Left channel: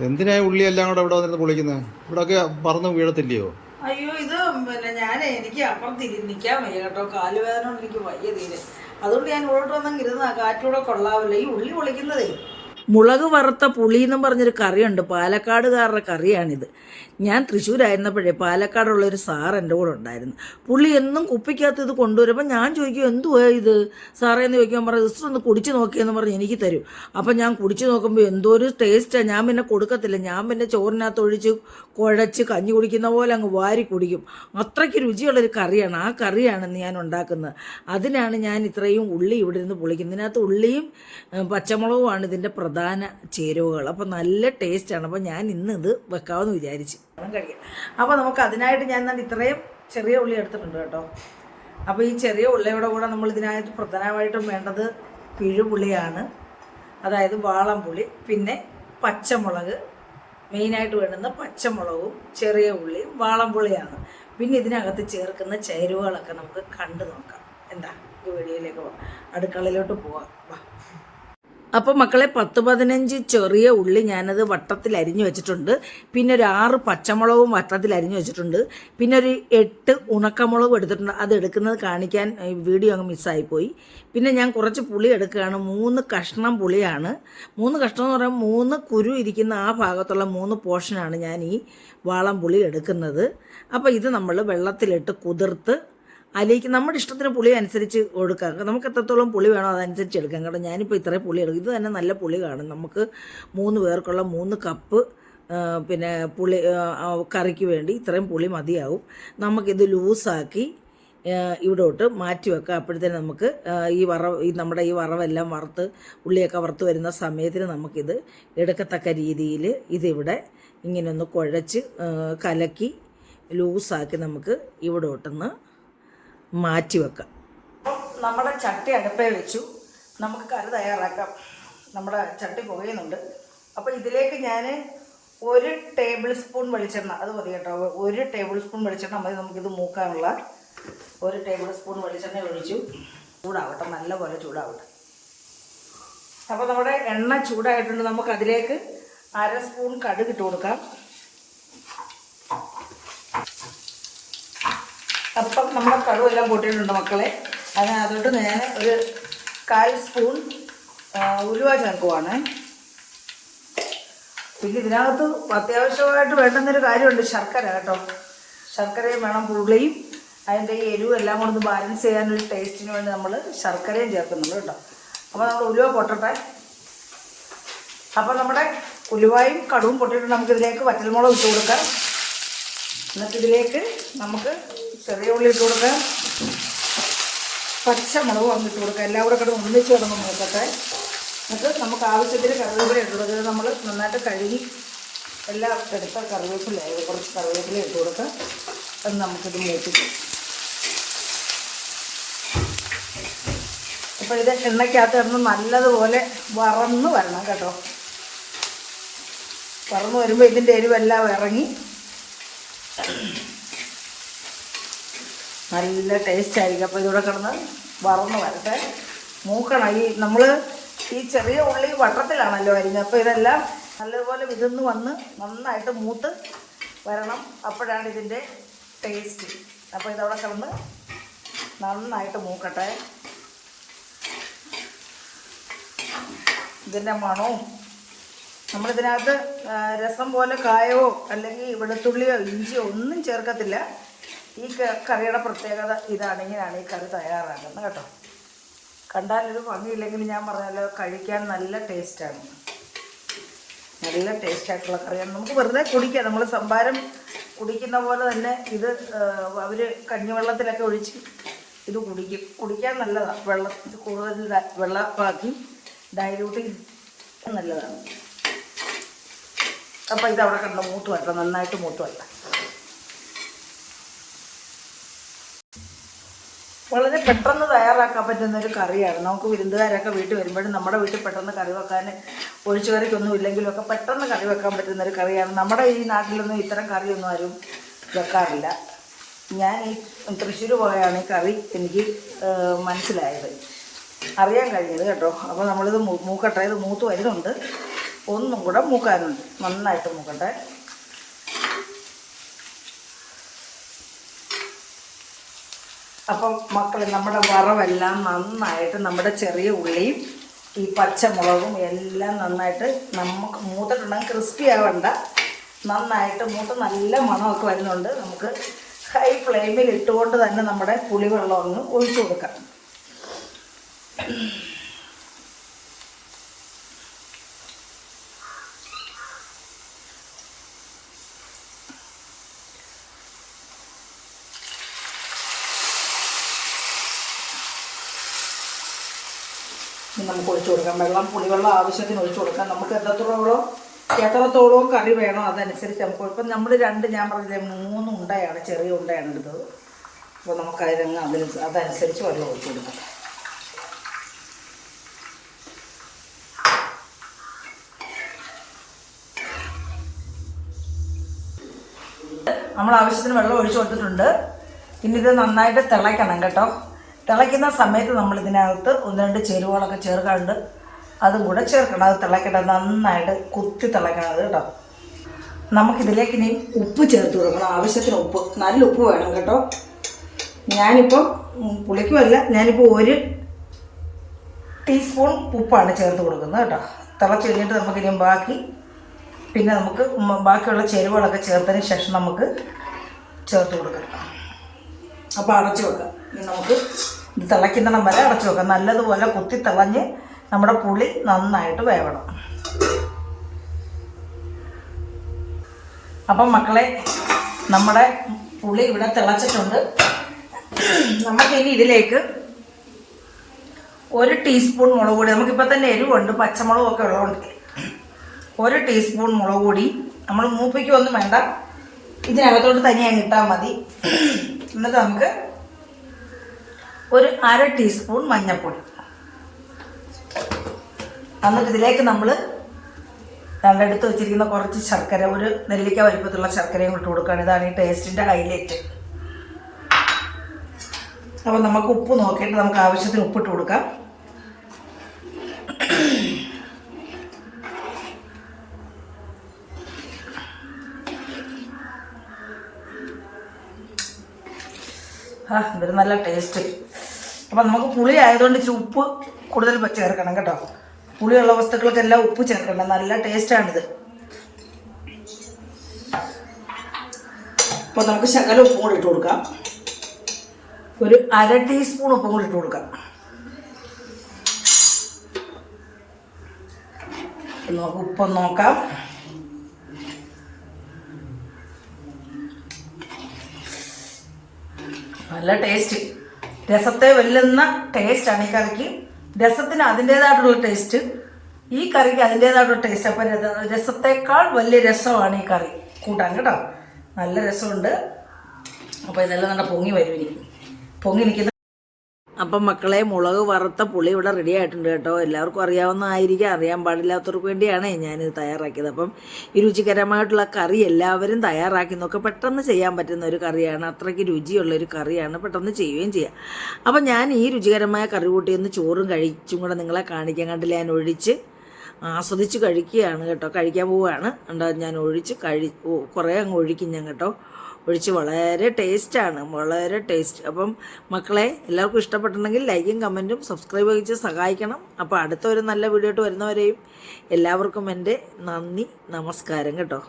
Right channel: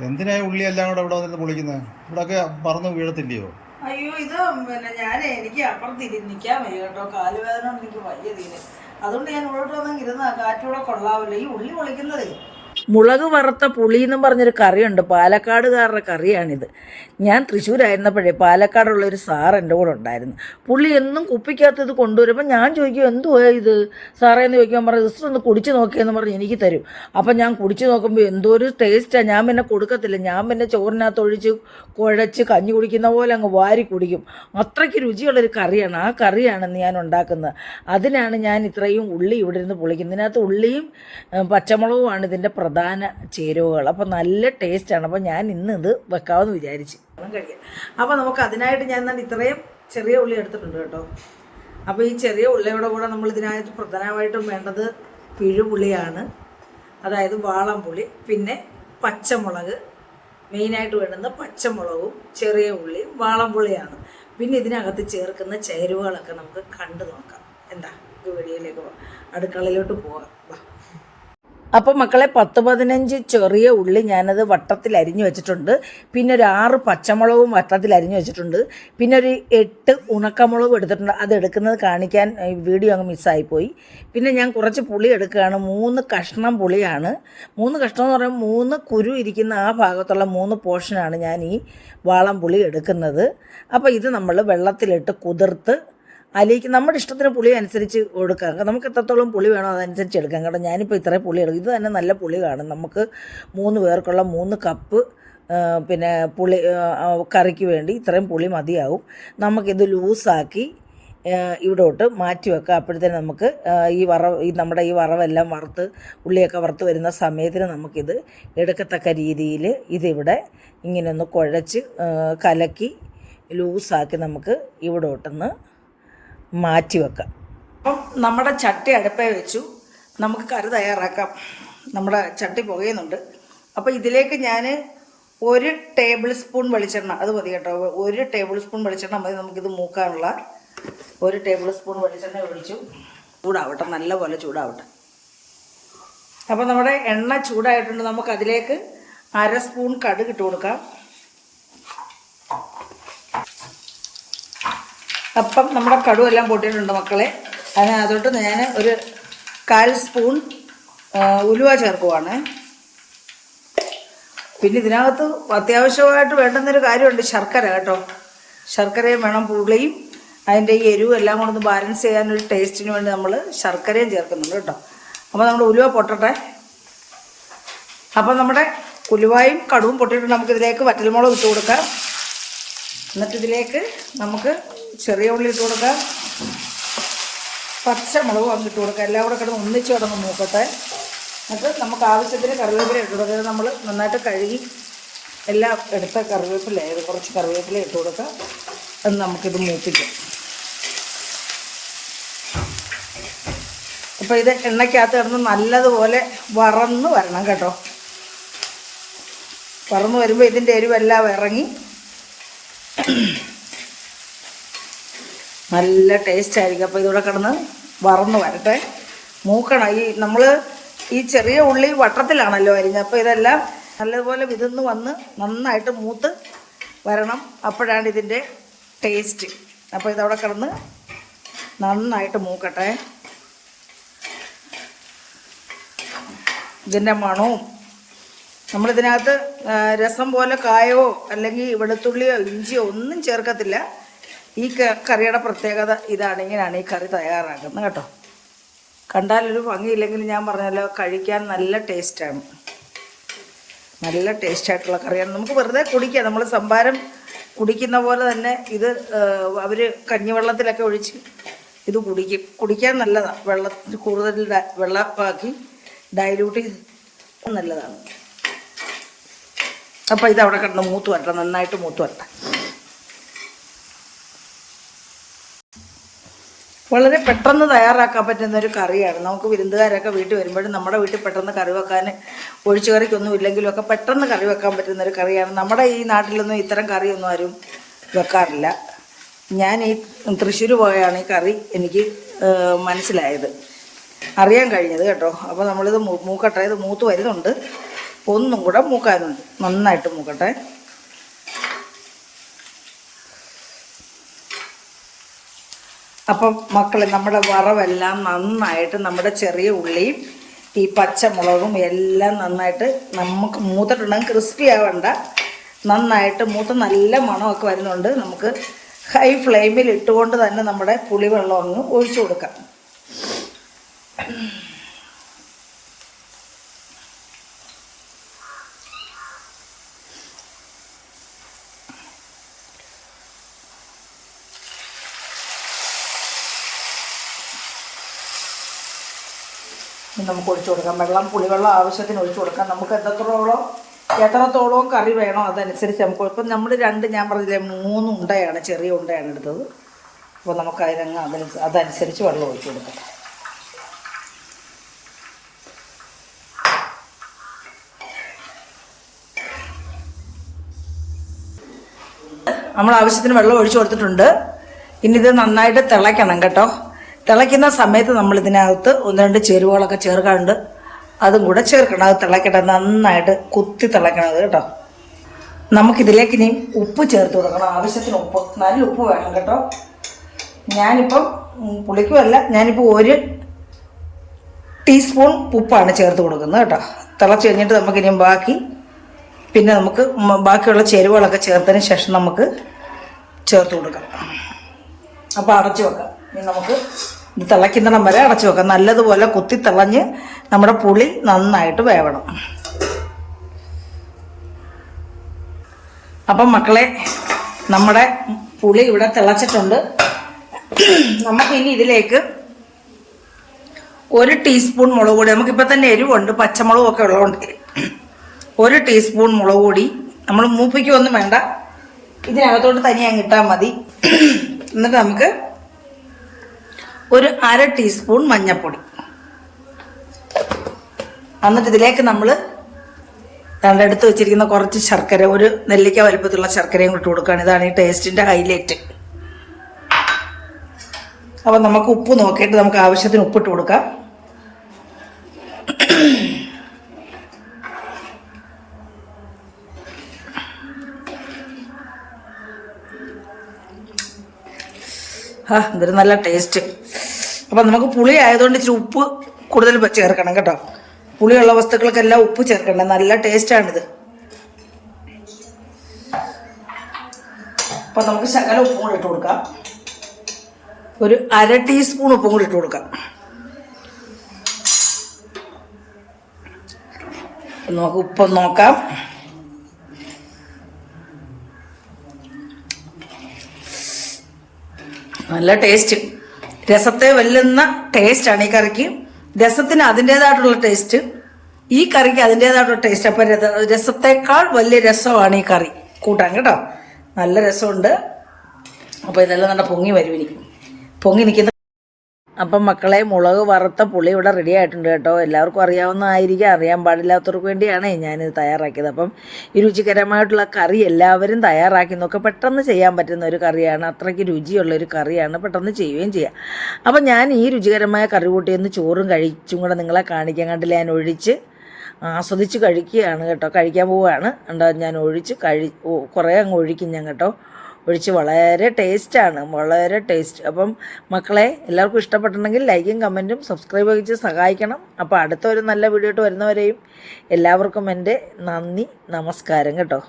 എന്തിനാ ഉള്ളി എല്ലാം കൂടെ ഇവിടെ വന്നിരുന്ന് പൊളിക്കുന്നത് ഇവിടെയൊക്കെ പറന്ന് വീഴത്തില്ലയോ? അയ്യോ ഇത് പിന്നെ ഞാൻ എനിക്ക് അപ്പുറത്ത് തിരിഞ്ഞിക്കാൻ വയ്യ കേട്ടോ. കാലുവേദന എനിക്ക് വയ്യ തീരെ. അതുകൊണ്ട് ഞാൻ ഇവിടോട്ട് വന്നെങ്കിൽ ഇരുന്നാ കാറ്റൂടെ കൊള്ളാവില്ല ഈ ഉള്ളി പൊളിക്കുന്നതേ മുളക് വറുത്ത പുളി എന്നും പറഞ്ഞൊരു കറിയുണ്ട്. പാലക്കാടുകാരുടെ കറിയാണിത്. ഞാൻ തൃശ്ശൂരായിരുന്നപ്പോഴേ പാലക്കാടുള്ള ഒരു സാർ എന്റെ കൂടെ ഉണ്ടായിരുന്നു. പുള്ളി എന്നും കുപ്പിക്കകത്ത് ഇത് കൊണ്ടുവരുമ്പോൾ ഞാൻ ചോദിക്കും എന്തുവാ ഇത്? സാറേ എന്ന് ചോദിക്കാൻ പറഞ്ഞു ജസ്റ്റ് ഒന്ന് കുടിച്ച് നോക്കിയെന്ന് പറഞ്ഞ് എനിക്ക് തരും. അപ്പം ഞാൻ കുടിച്ച് നോക്കുമ്പോൾ എന്തോ ഒരു ടേസ്റ്റാണ് ഞാൻ പിന്നെ കൊടുക്കത്തില്ല. ഞാൻ പിന്നെ ചോറിനകത്ത് ഒഴിച്ച് കുഴച്ച് കഞ്ഞി കുടിക്കുന്ന പോലെ അങ്ങ് വാരി കുടിക്കും. അത്രയ്ക്ക് രുചിയുള്ളൊരു കറിയാണ്. ആ കറിയാണ് ഞാൻ ഉണ്ടാക്കുന്നത്. അതിനാണ് ഞാൻ ഇത്രയും ഉള്ളി ഇവിടെ ഇരുന്ന് പൊളിക്കുന്നത്. ഇതിനകത്ത് ഉള്ളിയും പച്ചമുളകുമാണ് ഇതിന്റെ പ്രധാന ചേരുവകൾ. അപ്പോൾ നല്ല ടേസ്റ്റാണ്. അപ്പോൾ ഞാൻ ഇന്ന് ഇത് വെക്കാമെന്ന് വിചാരിച്ച്. കഴിക്കാം. അപ്പോൾ നമുക്ക് അതിനായിട്ട് ഞാൻ എന്നാൽ ഇത്രയും ചെറിയ ഉള്ളി എടുത്തിട്ടുണ്ട് കേട്ടോ. അപ്പോൾ ഈ ചെറിയ ഉള്ളിയുടെ കൂടെ നമ്മൾ ഇതിനായിട്ട് പ്രധാനമായിട്ടും വേണ്ടത് പിഴുപുളിയാണ്. അതായത് വാളംപുളി പിന്നെ പച്ചമുളക് മെയിനായിട്ട് വേണ്ടുന്ന പച്ചമുളകും ചെറിയ ഉള്ളിയും വാളംപുളിയാണ്. പിന്നെ ഇതിനകത്ത് ചേർക്കുന്ന ചേരുവകളൊക്കെ നമുക്ക് കണ്ടു നോക്കാം. എന്താ? വീഡിയോയിലേക്ക് പോവാം അടുക്കളയിലോട്ട് പോവാം. വാ. അപ്പോൾ മക്കളെ പത്ത് പതിനഞ്ച് ചെറിയ ഉള്ളി ഞാനത് വട്ടത്തിൽ അരിഞ്ഞു വെച്ചിട്ടുണ്ട്. പിന്നെ ഒരു ആറ് പച്ചമുളകും വട്ടത്തിൽ അരിഞ്ഞു വെച്ചിട്ടുണ്ട്. പിന്നെ ഒരു എട്ട് ഉണക്കമുളകും എടുത്തിട്ടുണ്ട്. അത് എടുക്കുന്നത് കാണിക്കാൻ വീഡിയോ അങ്ങ് മിസ്സായിപ്പോയി പിന്നെ ഞാൻ കുറച്ച് പുളി എടുക്കുകയാണ്. മൂന്ന് കഷ്ണം പുളിയാണ്. മൂന്ന് കഷ്ണം എന്ന് പറയുമ്പോൾ മൂന്ന് കുരു ഇരിക്കുന്ന ആ ഭാഗത്തുള്ള മൂന്ന് പോർഷനാണ് ഞാൻ ഈ വാളം പുളി എടുക്കുന്നത്. അപ്പോൾ ഇത് നമ്മൾ വെള്ളത്തിലിട്ട് കുതിർത്ത് അതിലേക്ക് നമ്മുടെ ഇഷ്ടത്തിന് പുളി അനുസരിച്ച് കൊടുക്കാം. നമുക്ക് എത്രത്തോളം പുളി വേണോ അതനുസരിച്ച് എടുക്കാം. കേട്ടോ ഞാനിപ്പോൾ ഇത്രയും പുളി എടുക്കും. ഇത് തന്നെ നല്ല പുളി കാണും. നമുക്ക് മൂന്ന് പേർക്കുള്ള മൂന്ന് കപ്പ് പിന്നെ പുളി കറിക്ക് വേണ്ടി ഇത്രയും പുളി മതിയാവും. നമുക്കിത് ലൂസാക്കി ഇവിടോട്ട് മാറ്റി വെക്കാം. അപ്പോഴത്തേന് നമുക്ക് ഈ വറ ഈ നമ്മുടെ ഈ വറവെല്ലാം വറുത്ത് ഉള്ളിയൊക്കെ വറുത്ത് വരുന്ന സമയത്തിന് നമുക്കിത് എടുക്കത്തക്ക രീതിയിൽ ഇതിവിടെ ഇങ്ങനെ ഒന്ന് കുഴച്ച് കലക്കി ലൂസാക്കി നമുക്ക് ഇവിടോട്ടൊന്ന് മാറ്റി വെക്കാം അപ്പം നമ്മുടെ ചട്ടി അടുപ്പേ വെച്ചു. നമുക്ക് കറി തയ്യാറാക്കാം. നമ്മുടെ ചട്ടി പുകയുന്നുണ്ട്. അപ്പോൾ ഇതിലേക്ക് ഞാൻ ഒരു ടേബിൾ സ്പൂൺ വെളിച്ചെണ്ണ അത് മതി കേട്ടോ. ഒരു ടേബിൾ സ്പൂൺ വെളിച്ചെണ്ണ മതി നമുക്കിത് മൂക്കാനുള്ള. ഒരു ടേബിൾ സ്പൂൺ വെളിച്ചെണ്ണ ഒഴിച്ചു. ചൂടാവട്ടെ നല്ലപോലെ ചൂടാവട്ടെ. അപ്പോൾ നമ്മുടെ എണ്ണ ചൂടായിട്ടുണ്ട്. നമുക്കതിലേക്ക് അര സ്പൂൺ കടുക് ഇട്ട് കൊടുക്കാം. അപ്പം നമ്മുടെ കടുവ എല്ലാം പൊട്ടിയിട്ടുണ്ട് മക്കളെ. അതിനകത്തോട്ട് ഞാൻ ഒരു കാൽ സ്പൂൺ ഉലുവ ചേർക്കുവാണ്. പിന്നെ ഇതിനകത്ത് അത്യാവശ്യമായിട്ട് വേണ്ടുന്നൊരു കാര്യമുണ്ട് ശർക്കര കേട്ടോ. ശർക്കരയും വേണം പുളിയും അതിന്റെ ഈ എരിവും എല്ലാം കൂടെ ഒന്ന് ബാലൻസ് ചെയ്യാനൊരു ടേസ്റ്റിന് വേണ്ടി നമ്മൾ ശർക്കരയും ചേർക്കുന്നുണ്ട് കേട്ടോ. അപ്പോൾ നമ്മൾ ഉലുവ പൊട്ടട്ടെ. അപ്പോൾ നമ്മുടെ ഉലുവായും കടുവും പൊട്ടിയിട്ട് നമുക്കിതിലേക്ക് വറ്റൽമുളക് ഇട്ട് കൊടുക്കാം. എന്നിട്ട് ഇതിലേക്ക് നമുക്ക് ചെറിയ ഉള്ളി ഇട്ട് കൊടുക്കാം. പച്ചമുളകും അങ്ങ് ഇട്ട് കൊടുക്കാം. എല്ലാം കൂടെ കിടന്ന് ഒന്നിച്ച് കിടന്ന് നോക്കട്ടെ. എന്നിട്ട് നമുക്ക് ആവശ്യത്തിന് കറിവേപ്പില ഇട്ട് കൊടുക്കുക നമ്മൾ നന്നായിട്ട് കഴുകി എല്ലാം എടുത്ത കറിവേപ്പില ഏത് കുറച്ച് കറിവേപ്പില ഇട്ട് കൊടുക്കാം അത് നമുക്കിത് മൂപ്പിക്കും. അപ്പോൾ ഇത് എണ്ണയ്ക്കകത്ത് കിടന്ന് നല്ലതുപോലെ വറന്ന് വരണം കേട്ടോ. വറന്ന് വരുമ്പോൾ ഇതിന്റെ എരിവെല്ലാം ഇറങ്ങി നല്ല ടേസ്റ്റ് ആയിരിക്കും. അപ്പോൾ ഇതുകൂടെ കിടന്ന് വറന്ന് വരട്ടെ. മൂക്കണം. ഈ നമ്മൾ ഈ ചെറിയ ഉള്ളി വട്ടത്തിലാണല്ലോ അരിഞ്ഞത്. അപ്പോൾ ഇതെല്ലാം നല്ലതുപോലെ വിതന്ന് വന്ന് നന്നായിട്ട് മൂത്ത് വരണം. അപ്പോഴാണ് ഇതിന്റെ ടേസ്റ്റ് അപ്പോൾ ഇതവിടെ കിടന്ന് നന്നായിട്ട് മൂക്കട്ടെ. ഇതിന്റെ മണവും നമ്മളിതിനകത്ത് രസം പോലെ കായോ അല്ലെങ്കിൽ വെളുത്തുള്ളിയോ ഇഞ്ചിയോ ഒന്നും ചേർക്കത്തില്ല. ഈ കറിയുടെ പ്രത്യേകത ഇതാണ്. ഇങ്ങനെയാണ് ഈ കറി തയ്യാറാക്കുന്നത് കേട്ടോ. കണ്ടാലൊരു ഭംഗിയില്ലെങ്കിൽ ഞാൻ പറഞ്ഞല്ലോ കഴിക്കാൻ നല്ല ടേസ്റ്റാണ്. നല്ല ടേസ്റ്റായിട്ടുള്ള കറിയാണ്. നമുക്ക് വെറുതെ കുടിക്കാം. നമ്മൾ സംഭാരം കുടിക്കുന്ന പോലെ തന്നെ ഇത് അവർ കഞ്ഞിവെള്ളത്തിലൊക്കെ ഒഴിച്ച് ഇത് കുടിക്കും. കുടിക്കാൻ നല്ലതാണ് വെള്ളത്തിൽ കൂടുതൽ വെള്ളമാക്കി ഡയലൂട്ട് ചെയ്ത് നല്ലതാണ്. അപ്പോൾ ഇത് അവിടെ കിടന്ന് മൂത്ത് വരട്ടെ. നന്നായിട്ട് മൂത്ത് വരട്ടെ. വളരെ പെട്ടെന്ന് തയ്യാറാക്കാൻ പറ്റുന്ന ഒരു കറിയാണ്. നമുക്ക് വിരുന്നുകാരൊക്കെ വീട്ടിൽ വരുമ്പോഴും നമ്മുടെ വീട്ടിൽ പെട്ടെന്ന് കറി വെക്കാൻ ഒഴിച്ചു കറിക്കൊന്നും ഇല്ലെങ്കിലും ഒക്കെ പെട്ടെന്ന് കറി വെക്കാൻ പറ്റുന്ന ഒരു കറിയാണ്. നമ്മുടെ ഈ നാട്ടിലൊന്നും ഇത്തരം കറിയൊന്നും ആരും വെക്കാറില്ല. ഞാൻ ഈ തൃശ്ശൂർ പോയാണ് ഈ കറി എനിക്ക് മനസ്സിലായത്. അറിയാൻ കഴിഞ്ഞത് കേട്ടോ. അപ്പോൾ നമ്മളിത് മൂക്കട്ടെ. ഇത് മൂത്ത് വരുന്നുണ്ട്. ഒന്നും കൂടെ മൂക്കാനുണ്ട്. നന്നായിട്ട് മൂക്കട്ടെ. അപ്പം മക്കളെ നമ്മുടെ വറവെല്ലാം നന്നായിട്ട് നമ്മുടെ ചെറിയ ഉള്ളിയും ഈ പച്ചമുളകും എല്ലാം നന്നായിട്ട് നമുക്ക് മൂത്തിട്ടുണ്ടെങ്കിൽ ക്രിസ്പി ആവണ്ട. നന്നായിട്ട് മൂത്ത് നല്ല മണമൊക്കെ വരുന്നുണ്ട്. നമുക്ക് ഹൈ ഫ്ലെയിമിൽ ഇട്ടുകൊണ്ട് തന്നെ നമ്മുടെ പുളിവെള്ളം ഒന്ന് ഒഴിച്ചു കൊടുക്കാം. നമുക്ക് ഒഴിച്ചു കൊടുക്കാം. വെള്ളം പുളിവെള്ളം ആവശ്യത്തിന് ഒഴിച്ചു കൊടുക്കാം. നമുക്ക് എത്രത്തോളം എത്രത്തോളം കറി വേണോ അതനുസരിച്ച് നമുക്ക് ഇപ്പം നമ്മൾ രണ്ട് ഞാൻ പറഞ്ഞില്ലേ മൂന്ന് ഉണ്ടയാണ് ചെറിയ ഉണ്ടയാണ് എടുത്തത്. അപ്പോൾ നമുക്ക് അതിനങ്ങ് അതിന് അതനുസരിച്ച് വെള്ളം ഒഴിച്ചു കൊടുക്കാം. നമ്മൾ ആവശ്യത്തിന് വെള്ളം ഒഴിച്ചു കൊടുത്തിട്ടുണ്ട്. ഇനി ഇത് നന്നായിട്ട് തിളയ്ക്കണം കേട്ടോ. തിളയ്ക്കുന്ന സമയത്ത് നമ്മൾ ഇതിനകത്ത് ഒന്ന് രണ്ട് ചേരുവകളൊക്കെ ചേർക്കാറുണ്ട്. അതും കൂടെ ചേർക്കണം. അത് തിളയ്ക്കട്ടെ. നന്നായിട്ട് കുത്തി തിളയ്ക്കണം കേട്ടോ. നമുക്കിതിലേക്ക് ഇനി ഉപ്പ് ചേർത്ത് കൊടുക്കണം. ആവശ്യത്തിന് ഉപ്പ്. നല്ല ഉപ്പ് വേണം കേട്ടോ. ഞാനിപ്പം പുളിക്കുമല്ല ഞാനിപ്പോൾ ഒരു ടീസ്പൂൺ ഉപ്പാണ് ചേർത്ത് കൊടുക്കുന്നത് കേട്ടോ. തിളച്ച് കഴിഞ്ഞിട്ട് നമുക്കിനി ബാക്കി പിന്നെ നമുക്ക് ബാക്കിയുള്ള ചേരുവകളൊക്കെ ചേർത്തതിന് ശേഷം നമുക്ക് ചേർത്ത് കൊടുക്കാം. അപ്പോൾ അടച്ചു വെക്കാം. നമുക്ക് ഇത് തിളയ്ക്കുന്നിടം വരെ അടച്ചു വെക്കാം. നല്ലതുപോലെ കുത്തി തിളഞ്ഞ് നമ്മുടെ പുളി നന്നായിട്ട് വേവണം. അപ്പം മക്കളെ നമ്മുടെ പുളി ഇവിടെ തിളച്ചിട്ടുണ്ട്. നമുക്കിനി ഇതിലേക്ക് ഒരു ടീസ്പൂൺ മുളക് പൊടി. നമുക്കിപ്പോൾ തന്നെ എരിവുണ്ട് പച്ചമുളകും ഒക്കെ ഉള്ളതുകൊണ്ട്. ഒരു ടീസ്പൂൺ മുളക് പൊടി. നമ്മൾ മൂപ്പിക്കൊന്നും വേണ്ട. ഇതിനകത്തോട്ട് തനിയാൻ കിട്ടാൽ മതി. എന്നിട്ട് നമുക്ക് ഒരു അര ടീസ്പൂൺ മഞ്ഞൾപ്പൊടി. എന്നിട്ട് ഇതിലേക്ക് നമ്മൾ രണ്ടെടുത്ത് വെച്ചിരിക്കുന്ന കുറച്ച് ശർക്കര ഒരു നെല്ലിക്ക വലുപ്പത്തിലുള്ള ശർക്കരയും ഇട്ട് കൊടുക്കുകയാണ്. ഇതാണ് ഈ ടേസ്റ്റിന്റെ ഹൈലൈറ്റ്. അപ്പം നമുക്ക് ഉപ്പ് നോക്കിയിട്ട് നമുക്ക് ആവശ്യത്തിന് ഉപ്പിട്ട് കൊടുക്കാം. ആ ഇതൊരു നല്ല ടേസ്റ്റ്. അപ്പം നമുക്ക് പുളി ആയതുകൊണ്ട് ഇച്ചിരി ഉപ്പ് കൂടുതൽ ചേർക്കണം കേട്ടോ. പുളിയുള്ള വസ്തുക്കൾക്കെല്ലാം ഉപ്പ് ചേർക്കണം നല്ല ടേസ്റ്റാണിത് അപ്പം നമുക്ക് ശകല ഉപ്പും കൂടി ഇട്ട് കൊടുക്കാം. ഒരു അര ടീസ്പൂൺ ഉപ്പും കൂടി ഇട്ട് കൊടുക്കാം. നമുക്ക് ഉപ്പ് നോക്കാം. നല്ല ടേസ്റ്റ് രസത്തെ വെല്ലുന്ന ടേസ്റ്റാണ് ഈ കറിക്ക്. രസത്തിന് അതിന്റെതായിട്ടുള്ള ടേസ്റ്റ് ഈ കറിക്ക് അതിന്റെതായിട്ടുള്ള ടേസ്റ്റ് അപ്പം രസത്തേക്കാൾ വലിയ രസമാണ് ഈ കറി. കൂട്ടാൻ കേട്ടോ. നല്ല രസമുണ്ട്. അപ്പോൾ ഇതെല്ലാം നല്ല പൊങ്ങി വരും ഇനി പൊങ്ങി നിൽക്കുന്ന അപ്പം മക്കളെ മുളക് വറുത്ത പുളി ഇവിടെ റെഡി ആയിട്ടുണ്ട് കേട്ടോ. എല്ലാവർക്കും അറിയാവുന്നതായിരിക്കാം അറിയാൻ പാടില്ലാത്തവർക്ക് വേണ്ടിയാണ് ഞാനിത് തയ്യാറാക്കിയത്. അപ്പം ഈ രുചികരമായിട്ടുള്ള കറി എല്ലാവരും തയ്യാറാക്കി നോക്കുക പെട്ടെന്ന് ചെയ്യാൻ പറ്റുന്ന ഒരു കറിയാണ്. അത്രയ്ക്ക് രുചിയുള്ള ഒരു കറിയാണ്. പെട്ടെന്ന് ചെയ്യുകയും ചെയ്യാം. അപ്പം ഞാൻ ഈ രുചികരമായ കറി കൂട്ടിയൊന്ന് ചോറും കഴിച്ചും കൂടെ നിങ്ങളെ കാണിക്കാൻ കണ്ടില്ല? ഞാൻ ഒഴിച്ച് ആസ്വദിച്ച് കഴിക്കുകയാണ് കേട്ടോ. കഴിക്കാൻ പോവുകയാണ്. ഉണ്ടാകും ഞാൻ ഒഴിച്ച് കഴി കുറേ അങ്ങ് ഒഴിക്കും ഞാൻ കേട്ടോ. ഒഴിച്ച് വളരെ ടേസ്റ്റാണ് വളരെ ടേസ്റ്റ്. അപ്പം മക്കളെ എല്ലാവർക്കും ഇഷ്ടപ്പെട്ടിട്ടുണ്ടെങ്കിൽ ലൈക്കും കമന്റും സബ്സ്ക്രൈബ് ചെയ്ത് സഹായിക്കണം. അപ്പോൾ അടുത്ത ഒരു നല്ല വീഡിയോ ആയിട്ട് വരുന്നവരെയും എല്ലാവർക്കും എന്റെ നന്ദി നമസ്കാരം കേട്ടോ.